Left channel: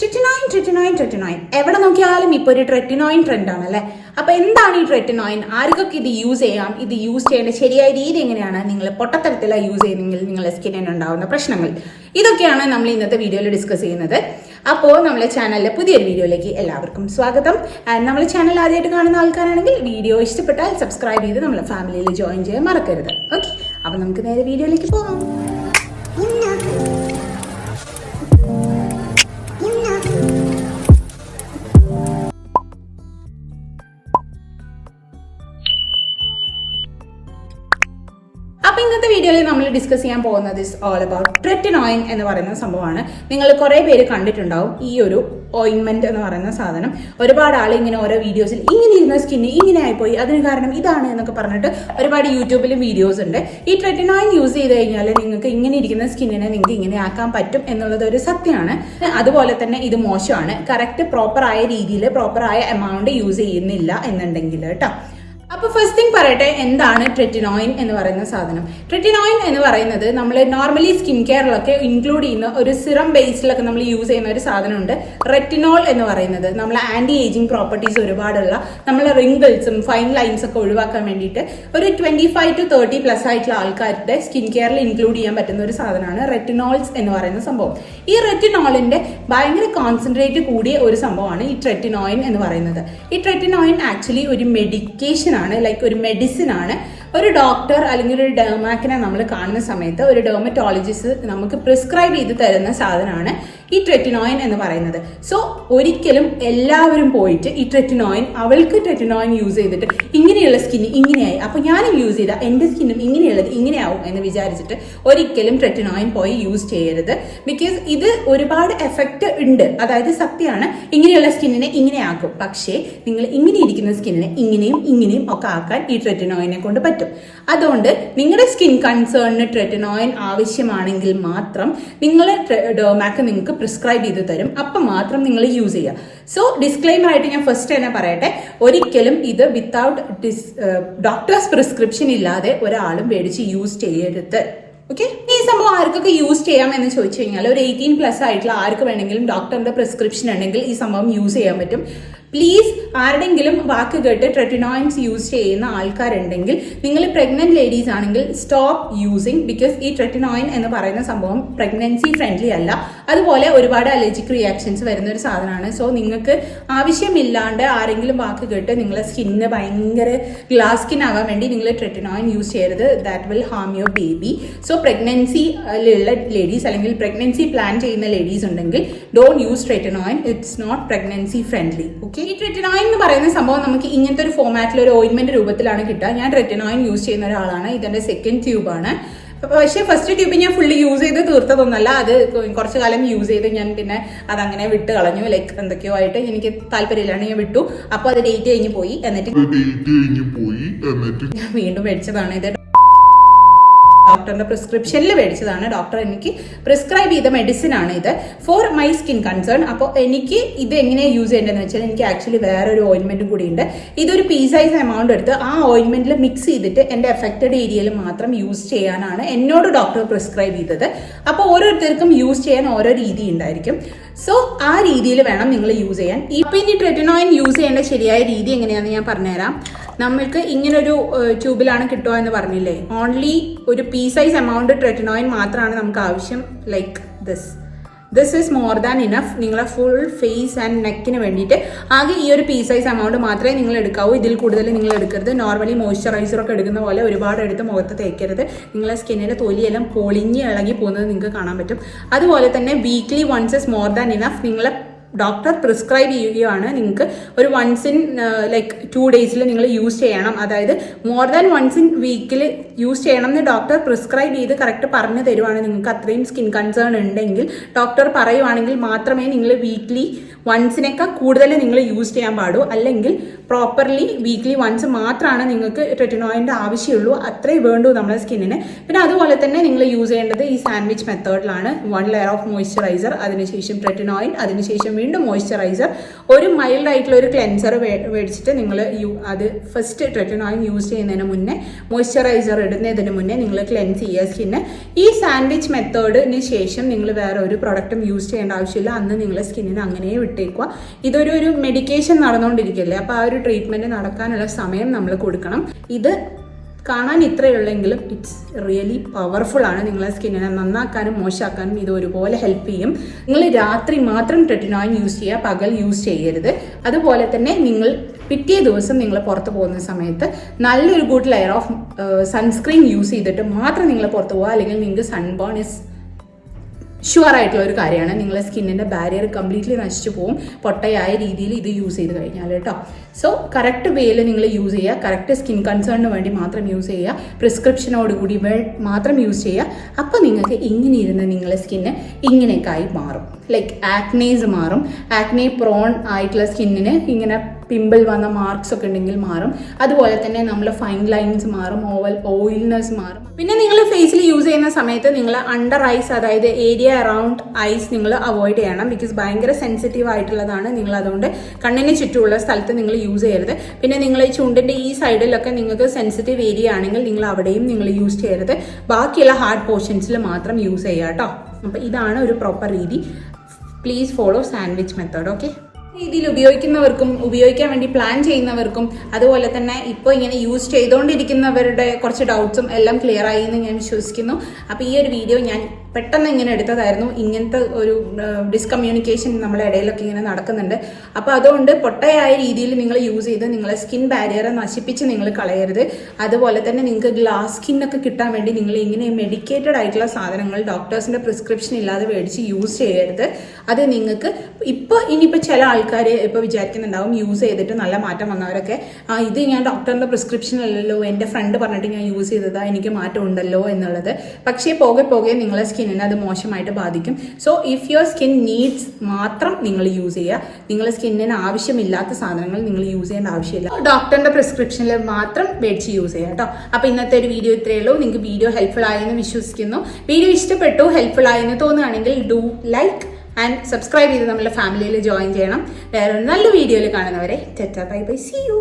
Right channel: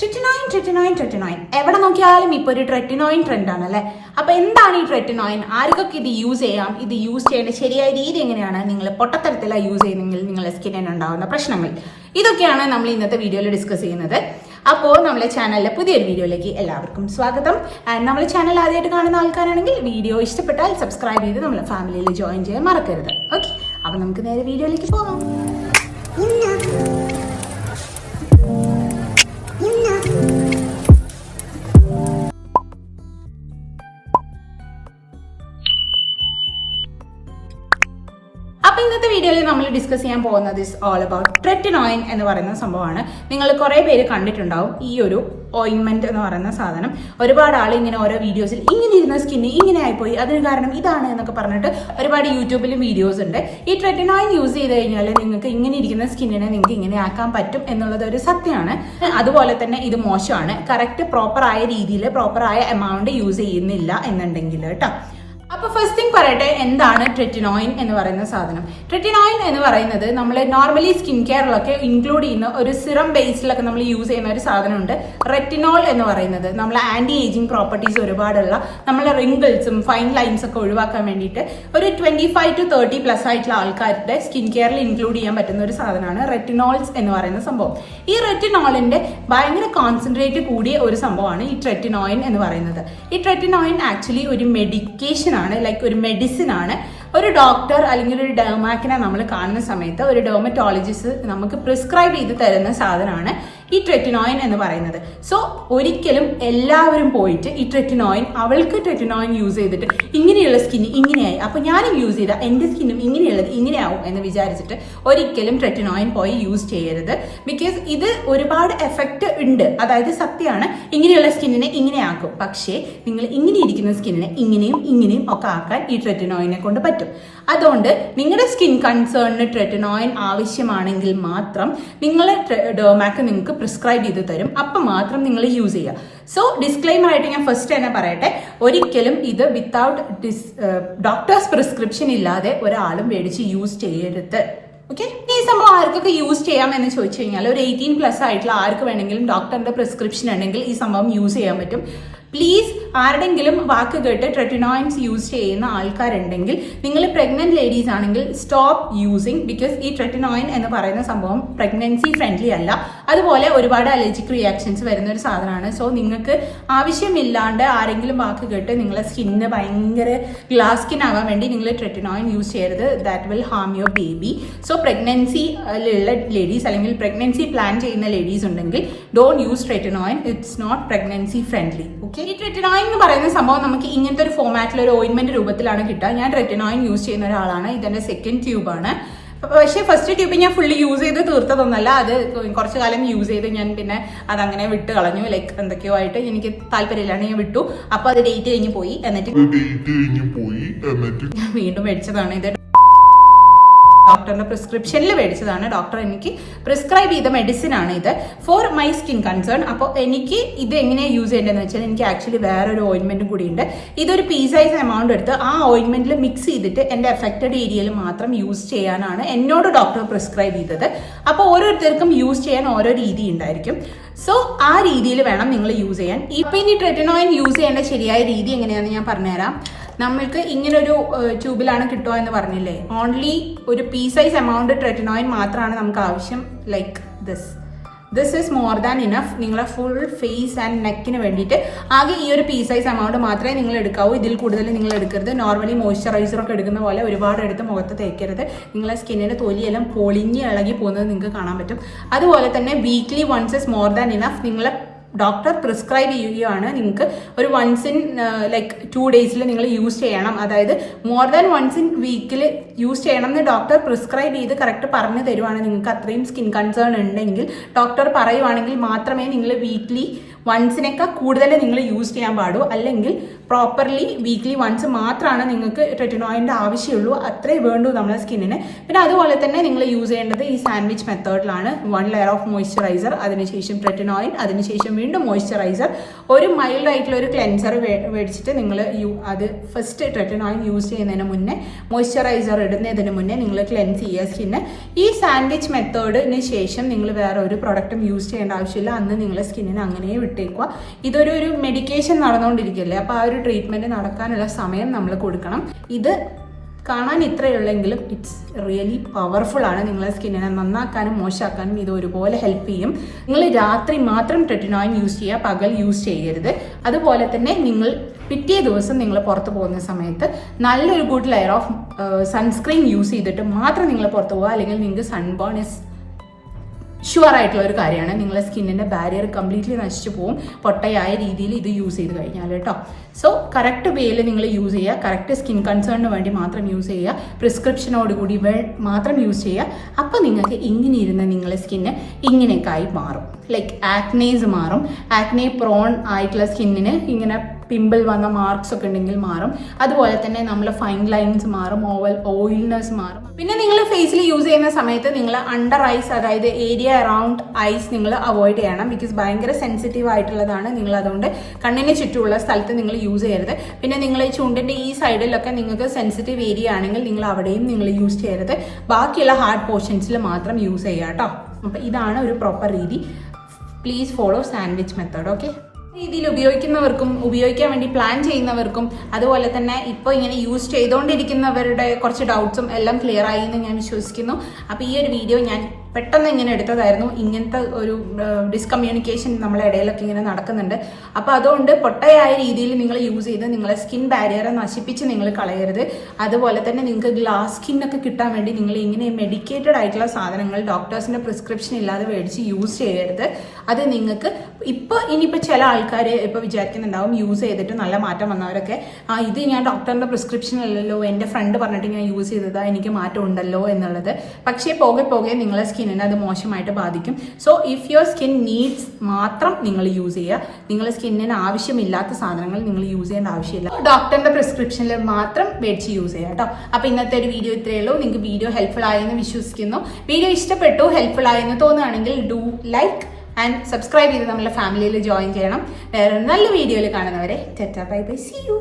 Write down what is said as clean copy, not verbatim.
Tretinoin. എവിടെ നോക്കിയാലും ഇപ്പോൾ ഒരു ട്രെറ്റിനോയിൻ ട്രെൻഡ് ആണല്ലേ. അപ്പോൾ എന്താണ് ഈ ട്രെറ്റിനോയിൻ? ആർക്കൊക്കെ ഇത് യൂസ് ചെയ്യാം? ഇത് യൂസ് ചെയ്യേണ്ട ശരിയായ രീതി എങ്ങനെയാണ്? നിങ്ങൾ പൊട്ടത്തരത്തിലാണ് യൂസ് ചെയ്യുന്നെങ്കിൽ നിങ്ങളുടെ സ്കിന്നിന് ഉണ്ടാകുന്ന പ്രശ്നങ്ങൾ, ഇതൊക്കെയാണ് നമ്മൾ ഇന്നത്തെ വീഡിയോയിൽ ഡിസ്കസ് ചെയ്യുന്നത്. അപ്പോൾ നമ്മുടെ ചാനലിലെ പുതിയൊരു വീഡിയോയിലേക്ക് എല്ലാവർക്കും സ്വാഗതം. ആൻഡ് നമ്മുടെ ചാനൽ ആദ്യമായിട്ട് കാണുന്ന ആൾക്കാരാണെങ്കിൽ വീഡിയോ ഇഷ്ടപ്പെട്ടാൽ സബ്സ്ക്രൈബ് ചെയ്ത് നമ്മുടെ ഫാമിലിയിൽ ജോയിൻ ചെയ്യാൻ മറക്കരുത്. ഓക്കെ, അപ്പോൾ നമുക്ക് നേരെ വീഡിയോയിലേക്ക് പോകാം. അപ്പോൾ ഇന്നത്തെ വീഡിയോയിൽ നമ്മൾ ഡിസ്കസ് ചെയ്യാൻ പോകുന്നത് ഇസ് ഓൾ അബൌട്ട് ട്രെറ്റിനോയിൻ എന്ന് പറയുന്ന സംഭവമാണ്. നിങ്ങൾ കുറേ പേര് കണ്ടിട്ടുണ്ടാവും ഈ ഒരു ഓയിൻമെന്റ് എന്ന് പറയുന്ന സാധനം. ഒരുപാട് ആൾ ഇങ്ങനെ ഓരോ വീഡിയോസിൽ ഇങ്ങനെ ഇരുന്ന സ്കിന്ന് ഇങ്ങനെ ആയിപ്പോയി, അതിന് കാരണം ഇതാണ് എന്നൊക്കെ പറഞ്ഞിട്ട് ഒരുപാട് യൂട്യൂബിലും വീഡിയോസ് ഉണ്ട്. ഈ ട്രെറ്റിനോയിൻ യൂസ് ചെയ്ത് കഴിഞ്ഞാൽ നിങ്ങൾക്ക് ഇങ്ങനെ ഇരിക്കുന്ന സ്കിന്നിനെ നിങ്ങൾക്ക് ഇങ്ങനെ ആക്കാൻ പറ്റും എന്നുള്ളത് ഒരു സത്യമാണ്. അതുപോലെ തന്നെ ഇത് മോശമാണ്. കറക്റ്റ് പ്രോപ്പറായ രീതിയിൽ പ്രോപ്പറായ എമൗണ്ട് യൂസ് ചെയ്യുന്നില്ല എന്നുണ്ടെങ്കിൽ കേട്ടോ. അപ്പോൾ ഫസ്റ്റ് തിങ് പറയട്ടെ, എന്താണ് ട്രെറ്റിനോയിൻ എന്ന് പറയുന്ന സാധനം? ട്രെറ്റിനോയിൻ എന്ന് പറയുന്നത് നമ്മൾ നോർമലി സ്കിൻ കെയറിലൊക്കെ ഇൻക്ലൂഡ് ചെയ്യുന്ന ഒരു സിറം ബേസിലൊക്കെ നമ്മൾ യൂസ് ചെയ്യുന്ന ഒരു സാധനമുണ്ട്. റെറ്റിനോൾ എന്ന് പറയുന്നത് നമ്മൾ ആന്റി ഏജിങ് പ്രോപ്പർട്ടീസ് ഒരുപാടുള്ള നമ്മളെ റിങ്കിൾസും ഫൈൻ ലൈൻസ് ഒക്കെ ഒഴിവാക്കാൻ വേണ്ടിയിട്ട് ഒരു 25 to 30+ ആയിട്ടുള്ള ആൾക്കാരുടെ സ്കിൻ കെയറിൽ ഇൻക്ലൂഡ് ചെയ്യാൻ പറ്റുന്ന ഒരു സാധനമാണ് റെറ്റിനോൾസ് എന്ന് പറയുന്ന സംഭവം. ഈ റെറ്റിനോളിന്റെ ഭയങ്കര കോൺസെൻട്രേറ്റ് കൂടിയ ഒരു സംഭവമാണ് ഈ ട്രെറ്റിനോയിൻ എന്ന് പറയുന്നത്. ഈ ട്രെറ്റിനോയിൻ ആക്ച്വലി ഒരു മെഡിക്കേഷൻ ആണ്, ലൈക്ക് ഒരു മെഡിസിൻ ആണ്. ഒരു ഡോക്ടർ അല്ലെങ്കിൽ ഒരു ഡെർമാക്കിനെ നമ്മൾ കാണുന്ന സമയത്ത് ഒരു ഡെർമറ്റോളജിസ്റ്റ് നമുക്ക് പ്രിസ്ക്രൈബ് ചെയ്ത് തരുന്ന സാധനമാണ് ഈ ട്രെറ്റിനോയിൻ എന്ന് പറയുന്നത്. സോ ഒരിക്കലും എല്ലാവരും പോയിട്ട് ഈ ട്രെറ്റിനോയിൻ, അവൾക്ക് ട്രെറ്റിനോയിൻ യൂസ് ചെയ്തിട്ട് ഇങ്ങനെയുള്ള സ്കിന്ന് ഇങ്ങനെയായി, അപ്പോൾ ഞാനും യൂസ് ചെയ്താൽ എൻ്റെ സ്കിന്നും ഇങ്ങനെയുള്ളത് ഇങ്ങനെയാവും എന്ന് വിചാരിച്ചിട്ട് ഒരിക്കലും ട്രെറ്റിനോയിൻ പോയി യൂസ് ചെയ്യരുത്. ബിക്കോസ് ഇത് ഒരുപാട് എഫക്റ്റ് ഉണ്ട്. അതായത് സത്യമാണ്, ഇങ്ങനെയുള്ള സ്കിന്നിനെ ഇങ്ങനെയാക്കും. പക്ഷേ നിങ്ങൾ ഇങ്ങനെ ഇരിക്കുന്ന സ്കിന്നിനെ ഇങ്ങനെയും ഒക്കെ ആക്കാൻ ഈ ട്രെറ്റിനോയിനെ കൊണ്ട് പറ്റും. അതുകൊണ്ട് നിങ്ങളുടെ സ്കിൻ കൺസേണിന് ട്രെറ്റിനോയിൻ ആവശ്യമാണെങ്കിൽ മാത്രം നിങ്ങളെ ഡെർമാക്ക് നിങ്ങൾക്ക് പ്രിസ്ക്രൈബ് ചെയ്ത് തരും. അപ്പം മാത്രം നിങ്ങൾ യൂസ് ചെയ്യുക. സോ ഡിസ്ക്ലെയിമർ ആയിട്ട് ഞാൻ ഫസ്റ്റ് തന്നെ പറയട്ടെ, ഒരിക്കലും ഇത് വിത്തൗട്ട് ഡോക്ടേഴ്സ് പ്രിസ്ക്രിപ്ഷൻ ഇല്ലാതെ ഒരാളും മേടിച്ച് യൂസ് ചെയ്യരുത്. ഓക്കെ, ഈ സംഭവം ആർക്കൊക്കെ യൂസ് ചെയ്യാം എന്ന് ചോദിച്ചു കഴിഞ്ഞാൽ ഒരു 18+ ആയിട്ടുള്ള ആർക്ക് വേണമെങ്കിലും ഡോക്ടറിന്റെ പ്രിസ്ക്രിപ്ഷൻ ഉണ്ടെങ്കിൽ ഈ സംഭവം യൂസ് ചെയ്യാൻ പറ്റും. പ്ലീസ് ആരുടെങ്കിലും വാക്ക് കേട്ട് ട്രെറ്റിനോയിൻസ് യൂസ് ചെയ്യുന്ന ആൾക്കാരുണ്ടെങ്കിൽ, നിങ്ങൾ പ്രഗ്നന്റ് ലേഡീസ് ആണെങ്കിൽ സ്റ്റോപ്പ് യൂസിങ്. ബിക്കോസ് ഈ ട്രെറ്റിനോയിൻ എന്ന് പറയുന്ന സംഭവം പ്രഗ്നൻസി ഫ്രണ്ട്ലി അല്ല. അതുപോലെ ഒരുപാട് അലർജിക് റിയാക്ഷൻസ് വരുന്ന ഒരു സാധനമാണ്. സോ നിങ്ങൾക്ക് ആവശ്യമില്ലാണ്ട് ആരെങ്കിലും വാക്ക് കേട്ട് നിങ്ങളെ സ്കിന്ന് ഭയങ്കര ഗ്ലാസ് സ്കിൻ ആവാൻ വേണ്ടി നിങ്ങൾ ട്രെറ്റിനോയിൻ യൂസ് ചെയ്യരുത്. That will harm your baby. So പ്രഗ്നൻസിയിലുള്ള ലേഡീസ് അല്ലെങ്കിൽ പ്രഗ്നൻസി പ്ലാൻ ചെയ്യുന്ന ലേഡീസ് ഉണ്ടെങ്കിൽ don't use tretinoin. It's not pregnancy friendly. Okay, ഈ ട്രെറ്റിനോയിൻ എന്ന് പറയുന്ന സംഭവം നമുക്ക് ഇങ്ങനത്തെ ഒരു ഫോമാറ്റിൽ ഒരു ഓയിൻമെന്റ് രൂപത്തിലാണ് കിട്ടുക. ഞാൻ ട്രെറ്റിനോയിൻ യൂസ് ചെയ്യുന്ന ഒരാളാണ്. ഇതെന്റെ സെക്കൻഡ് ട്യൂബാണ്. പക്ഷേ ഫസ്റ്റ് ട്യൂബ് ഞാൻ ഫുള്ളി യൂസ് ചെയ്ത് തീർത്തതൊന്നല്ല. അത് കുറച്ചു കാലം യൂസ് ചെയ്ത് ഞാൻ പിന്നെ അതങ്ങനെ വിട്ട് കളഞ്ഞു. ലൈക്ക് എന്തൊക്കെയോ ആയിട്ട് എനിക്ക് താല്പര്യമില്ലാണ്ട് ഞാൻ വിട്ടു. അപ്പോൾ അത് ഡേറ്റ് കഴിഞ്ഞ് പോയി. എന്നിട്ട് ഞാൻ വീണ്ടും മേടിച്ചതാണ്. ഇത് ഡോക്ടറിന്റെ പ്രിസ്ക്രിപ്ഷനിൽ മേടിച്ചതാണ്. ഡോക്ടർ എനിക്ക് പ്രിസ്ക്രൈബ് ചെയ്ത മെഡിസിൻ ആണ് ഇത് ഫോർ മൈ സ്കിൻ കൺസേൺ. അപ്പോൾ എനിക്ക് ഇത് എങ്ങനെയാണ് യൂസ് ചെയ്യേണ്ടതെന്ന് വെച്ചാൽ, എനിക്ക് ആക്ച്വലി വേറൊരു ഓയിൻമെന്റും കൂടി ഉണ്ട്. ഇതൊരു പീ സൈസ് എമൗണ്ട് എടുത്ത് ആ ഓയിൻമെന്റിൽ മിക്സ് ചെയ്തിട്ട് എൻ്റെ എഫക്റ്റഡ് ഏരിയയിൽ മാത്രം യൂസ് ചെയ്യാനാണ് എന്നോട് ഡോക്ടർ പ്രിസ്ക്രൈബ് ചെയ്തത്. അപ്പോൾ ഓരോരുത്തർക്കും യൂസ് ചെയ്യാൻ ഓരോ രീതി ഉണ്ടായിരിക്കും. സോ ആ രീതിയിൽ വേണം നിങ്ങൾ യൂസ് ചെയ്യാൻ. ഇപ്പം ഇനി ട്രെറ്റിനോയിൻ യൂസ് ചെയ്യേണ്ട ശരിയായ രീതി എങ്ങനെയാണെന്ന് ഞാൻ പറഞ്ഞുതരാം. നമ്മൾക്ക് ഇങ്ങനൊരു ട്യൂബിലാണ് കിട്ടുക എന്ന് പറഞ്ഞില്ലേ, ഓൺലി ഒരു പീ സൈസ് എമൗണ്ട് ട്രെറ്റിനോയിൻ മാത്രമാണ് നമുക്ക് ആവശ്യം. Like this is more than enough. നിങ്ങളെ ഫുൾ ഫേസ് ആൻഡ് നെക്കിന് വേണ്ടിയിട്ട് ആകെ ഈ ഒരു പീ സൈസ് എമൗണ്ട് മാത്രമേ നിങ്ങൾ എടുക്കാവൂ. ഇതിൽ കൂടുതൽ നിങ്ങൾ എടുക്കരുത്. നോർമലി മോയ്സ്ചറൈസറൊക്കെ എടുക്കുന്ന പോലെ ഒരുപാട് എടുത്ത് മുഖത്ത് തേക്കരുത്. നിങ്ങളെ സ്കിന്നിൻ്റെ തൊലിയെല്ലാം പൊളിഞ്ഞ് ഇളകി പോകുന്നത് നിങ്ങൾക്ക് കാണാൻ പറ്റും. അതുപോലെ തന്നെ weekly once is more than enough. നിങ്ങളെ ഡോക്ടർ പ്രിസ്ക്രൈബ് ചെയ്യുകയാണ്, നിങ്ങൾക്ക് ഒരു വൺസ് ഇൻ ലൈക്ക് 2 days നിങ്ങൾ യൂസ് ചെയ്യണം. അതായത് മോർ ദാൻ വൺസ് ഇൻ വീക്കിൽ യൂസ് ചെയ്യണം എന്ന് ഡോക്ടർ പ്രിസ്ക്രൈബ് ചെയ്ത് കറക്റ്റ് പറഞ്ഞു തരുവാണ്. നിങ്ങൾക്ക് അത്രയും സ്കിൻ കൺസേൺ ഉണ്ടെങ്കിൽ ഡോക്ടർ പറയുവാണെങ്കിൽ മാത്രമേ നിങ്ങൾ വീക്ക്ലി വൺസിനേക്കാൾ കൂടുതൽ നിങ്ങൾ യൂസ് ചെയ്യാൻ പാടൂ. അല്ലെങ്കിൽ പ്രോപ്പർലി വീക്ക്ലി വൺസ് മാത്രമാണ് നിങ്ങൾക്ക് ട്രെറ്റിനോയിൻ്റെ ആവശ്യമുള്ളൂ. അത്രേ വേണ്ടൂ നമ്മുടെ സ്കിന്നിന്. പിന്നെ അതുപോലെ തന്നെ നിങ്ങൾ യൂസ് ചെയ്യേണ്ടത് ഈ സാൻഡ്വിച്ച് മെത്തേഡിലാണ്. 1 layer ഓഫ് മോയ്സ്ചറൈസർ, അതിനുശേഷം ട്രെറ്റിനോയിൻ, അതിനുശേഷം വീണ്ടും മോയ്സ്ചറൈസർ, ഒരു മൈൽഡ് ആയിട്ടുള്ള ഒരു ക്ലെൻസർ മേടിച്ചിട്ട് നിങ്ങൾ അത് ഫസ്റ്റ് ട്രെറ്റിനോയിൻ യൂസ് ചെയ്യുന്നതിന് മുന്നേ, മോയ്സ്ചറൈസർ ഇടുന്നതിന് മുന്നേ നിങ്ങൾ ക്ലെൻസ് ചെയ്യുക സ്കിന്ന്. ഈ സാൻഡ്വിച്ച് മെത്തേഡിന് ശേഷം നിങ്ങൾ വേറെ ഒരു പ്രൊഡക്റ്റും യൂസ് ചെയ്യേണ്ട ആവശ്യമില്ല. അന്ന് നിങ്ങളുടെ സ്കിന്നിന് അങ്ങനെ വിട്ടേക്കുക. ഇതൊരു മെഡിക്കേഷൻ നടന്നുകൊണ്ടിരിക്കുകയല്ലേ, അപ്പോൾ ആ ഒരു ട്രീറ്റ്മെൻറ്റ് നടക്കാനുള്ള സമയം നമ്മൾ കൊടുക്കണം. ഇത് കാണാൻ ഇത്രയുള്ളെങ്കിലും ഇറ്റ്സ് റിയലി പവർഫുൾ ആണ്. നിങ്ങളുടെ സ്കിന്നിനെ നന്നാക്കാനും മോശമാക്കാനും ഇത് ഒരുപോലെ ഹെൽപ്പ് ചെയ്യും. നിങ്ങൾ രാത്രി മാത്രം ട്രെറ്റിനോയിൻ യൂസ് ചെയ്യുക, പകൽ യൂസ് ചെയ്യരുത്. അതുപോലെ തന്നെ നിങ്ങൾ പിറ്റേ ദിവസം നിങ്ങൾ പുറത്ത് പോകുന്ന സമയത്ത് നല്ലൊരു good layer of sunscreen use ചെയ്തിട്ട് മാത്രം നിങ്ങൾ പുറത്ത് പോകുക. അല്ലെങ്കിൽ നിങ്ങൾക്ക് സൺബേൺ ഇസ് ഷുവർ ആയിട്ടുള്ള ഒരു കാര്യമാണ്. നിങ്ങളുടെ സ്കിന്നിൻ്റെ ബാരിയർ കംപ്ലീറ്റ്ലി നശിച്ചു പോകും പൊട്ടയായ രീതിയിൽ ഇത് യൂസ് ചെയ്ത് കഴിഞ്ഞാൽ കേട്ടോ. സോ കറക്റ്റ് വേയിൽ നിങ്ങൾ യൂസ് ചെയ്യുക, കറക്റ്റ് സ്കിൻ കൺസേണിന് വേണ്ടി മാത്രം യൂസ് ചെയ്യുക, പ്രിസ്ക്രിപ്ഷനോടുകൂടി മാത്രം യൂസ് ചെയ്യുക. അപ്പോൾ നിങ്ങൾക്ക് ഇങ്ങനെ ഇരുന്ന നിങ്ങളുടെ സ്കിന്ന് ഇങ്ങനെയൊക്കെ ആയി മാറും. ലൈക്ക് ആക്നേസ് മാറും. ആക്നെ പ്രോൺ ആയിട്ടുള്ള സ്കിന്നിന് ഇങ്ങനെ പിമ്പിൾ വന്ന മാർക്സ് ഒക്കെ ഉണ്ടെങ്കിൽ മാറും. അതുപോലെ തന്നെ നമ്മൾ ഫൈൻ ലൈൻസ് മാറും, ഓയിൽനെസ് മാറും. പിന്നെ നിങ്ങൾ ഫേസിൽ യൂസ് ചെയ്യുന്ന സമയത്ത് നിങ്ങൾ അണ്ടർ ഐസ്, അതായത് ഏരിയ അറൗണ്ട് ഐസ് നിങ്ങൾ അവോയ്ഡ് ചെയ്യണം. ബിക്കോസ് ഭയങ്കര സെൻസിറ്റീവ് ആയിട്ടുള്ളതാണ്. നിങ്ങൾ അതുകൊണ്ട് കണ്ണിന് ചുറ്റുമുള്ള സ്ഥലത്ത് നിങ്ങൾ യൂസ് ചെയ്യരുത്. പിന്നെ നിങ്ങൾ ഈ ചുണ്ടിൻ്റെ ഈ സൈഡിലൊക്കെ നിങ്ങൾക്ക് സെൻസിറ്റീവ് ഏരിയ ആണെങ്കിൽ നിങ്ങൾ അവിടെയും നിങ്ങൾ യൂസ് ചെയ്യരുത്. ബാക്കിയുള്ള ഹാർഡ് പോർഷൻസിൽ മാത്രം യൂസ് ചെയ്യുക കേട്ടോ. അപ്പോൾ ഇതാണ് ഒരു പ്രോപ്പർ രീതി. Please follow sandwich method. Okay, രീതിയിൽ ഉപയോഗിക്കുന്നവർക്കും ഉപയോഗിക്കാൻ വേണ്ടി പ്ലാൻ ചെയ്യുന്നവർക്കും അതുപോലെ തന്നെ ഇപ്പോൾ ഇങ്ങനെ യൂസ് ചെയ്തുകൊണ്ടിരിക്കുന്നവരുടെ കുറച്ച് ഡൗട്ട്സും എല്ലാം ക്ലിയർ ആയി എന്ന് ഞാൻ വിശ്വസിക്കുന്നു. അപ്പോൾ ഈ ഒരു വീഡിയോ ഞാൻ പെട്ടെന്ന് ഇങ്ങനെ എടുത്തതായിരുന്നു. ഇങ്ങനത്തെ ഒരു ഡിസ്കമ്മ്യൂണിക്കേഷൻ നമ്മുടെ ഇടയിലൊക്കെ ഇങ്ങനെ നടക്കുന്നുണ്ട്. അപ്പോൾ അതുകൊണ്ട് പൊട്ടയായ രീതിയിൽ നിങ്ങൾ യൂസ് ചെയ്ത് നിങ്ങളെ സ്കിൻ ബാരിയറെ നശിപ്പിച്ച് നിങ്ങൾ കളയരുത്. അതുപോലെ തന്നെ നിങ്ങൾക്ക് ഗ്ലാസ് സ്കിന്നൊക്കെ കിട്ടാൻ വേണ്ടി നിങ്ങൾ ഇങ്ങനെ മെഡിക്കേറ്റഡ് ആയിട്ടുള്ള സാധനങ്ങൾ ഡോക്ടേഴ്സിൻ്റെ പ്രിസ്ക്രിപ്ഷൻ ഇല്ലാതെ മേടിച്ച് യൂസ് ചെയ്യരുത്. അത് നിങ്ങൾക്ക് ഇനിയിപ്പോൾ ചില ആൾക്കാർ ഇപ്പോൾ വിചാരിക്കുന്നുണ്ടാവും യൂസ് ചെയ്തിട്ട് നല്ല മാറ്റം വന്നവരൊക്കെ, ഇത് ഞാൻ ഡോക്ടറിൻ്റെ പ്രിസ്ക്രിപ്ഷൻ അല്ലല്ലോ, എൻ്റെ ഫ്രണ്ട് പറഞ്ഞിട്ട് ഞാൻ യൂസ് ചെയ്തതാ, എനിക്ക് മാറ്റം ഉണ്ടല്ലോ എന്നുള്ളത്. പക്ഷേ പോകെ പോകെ നിങ്ങളെ സ്കിന്നിനെ അത് മോശമായിട്ട് ബാധിക്കും. So if your skin needs മാത്രം നിങ്ങൾ യൂസ് ചെയ്യുക. നിങ്ങളുടെ സ്കിന്നിന് ആവശ്യമില്ലാത്ത സാധനങ്ങൾ നിങ്ങൾ യൂസ് ചെയ്യേണ്ട ആവശ്യമില്ല. ഡോക്ടറിൻ്റെ പ്രിസ്ക്രിപ്ഷനിൽ മാത്രം മേടിച്ച് യൂസ് ചെയ്യുക കേട്ടോ. അപ്പോൾ ഇന്നത്തെ ഒരു വീഡിയോ ഇത്രയേ ഉള്ളൂ. നിങ്ങൾക്ക് വീഡിയോ ഹെൽപ്ഫുൾ ആയെന്ന് വിശ്വസിക്കുന്നു. വീഡിയോ ഇഷ്ടപ്പെട്ടു, ഹെൽപ്ഫുൾ ആയെന്ന് തോന്നുകയാണെങ്കിൽ ഡു ലൈക്ക് ആൻഡ് സബ്സ്ക്രൈബ് ചെയ്ത് നമ്മുടെ ഫാമിലിയിൽ ജോയിൻ ചെയ്യണം. വേറെ നല്ല വീഡിയോയിൽ കാണുന്നവരെ tata bye bye, see U.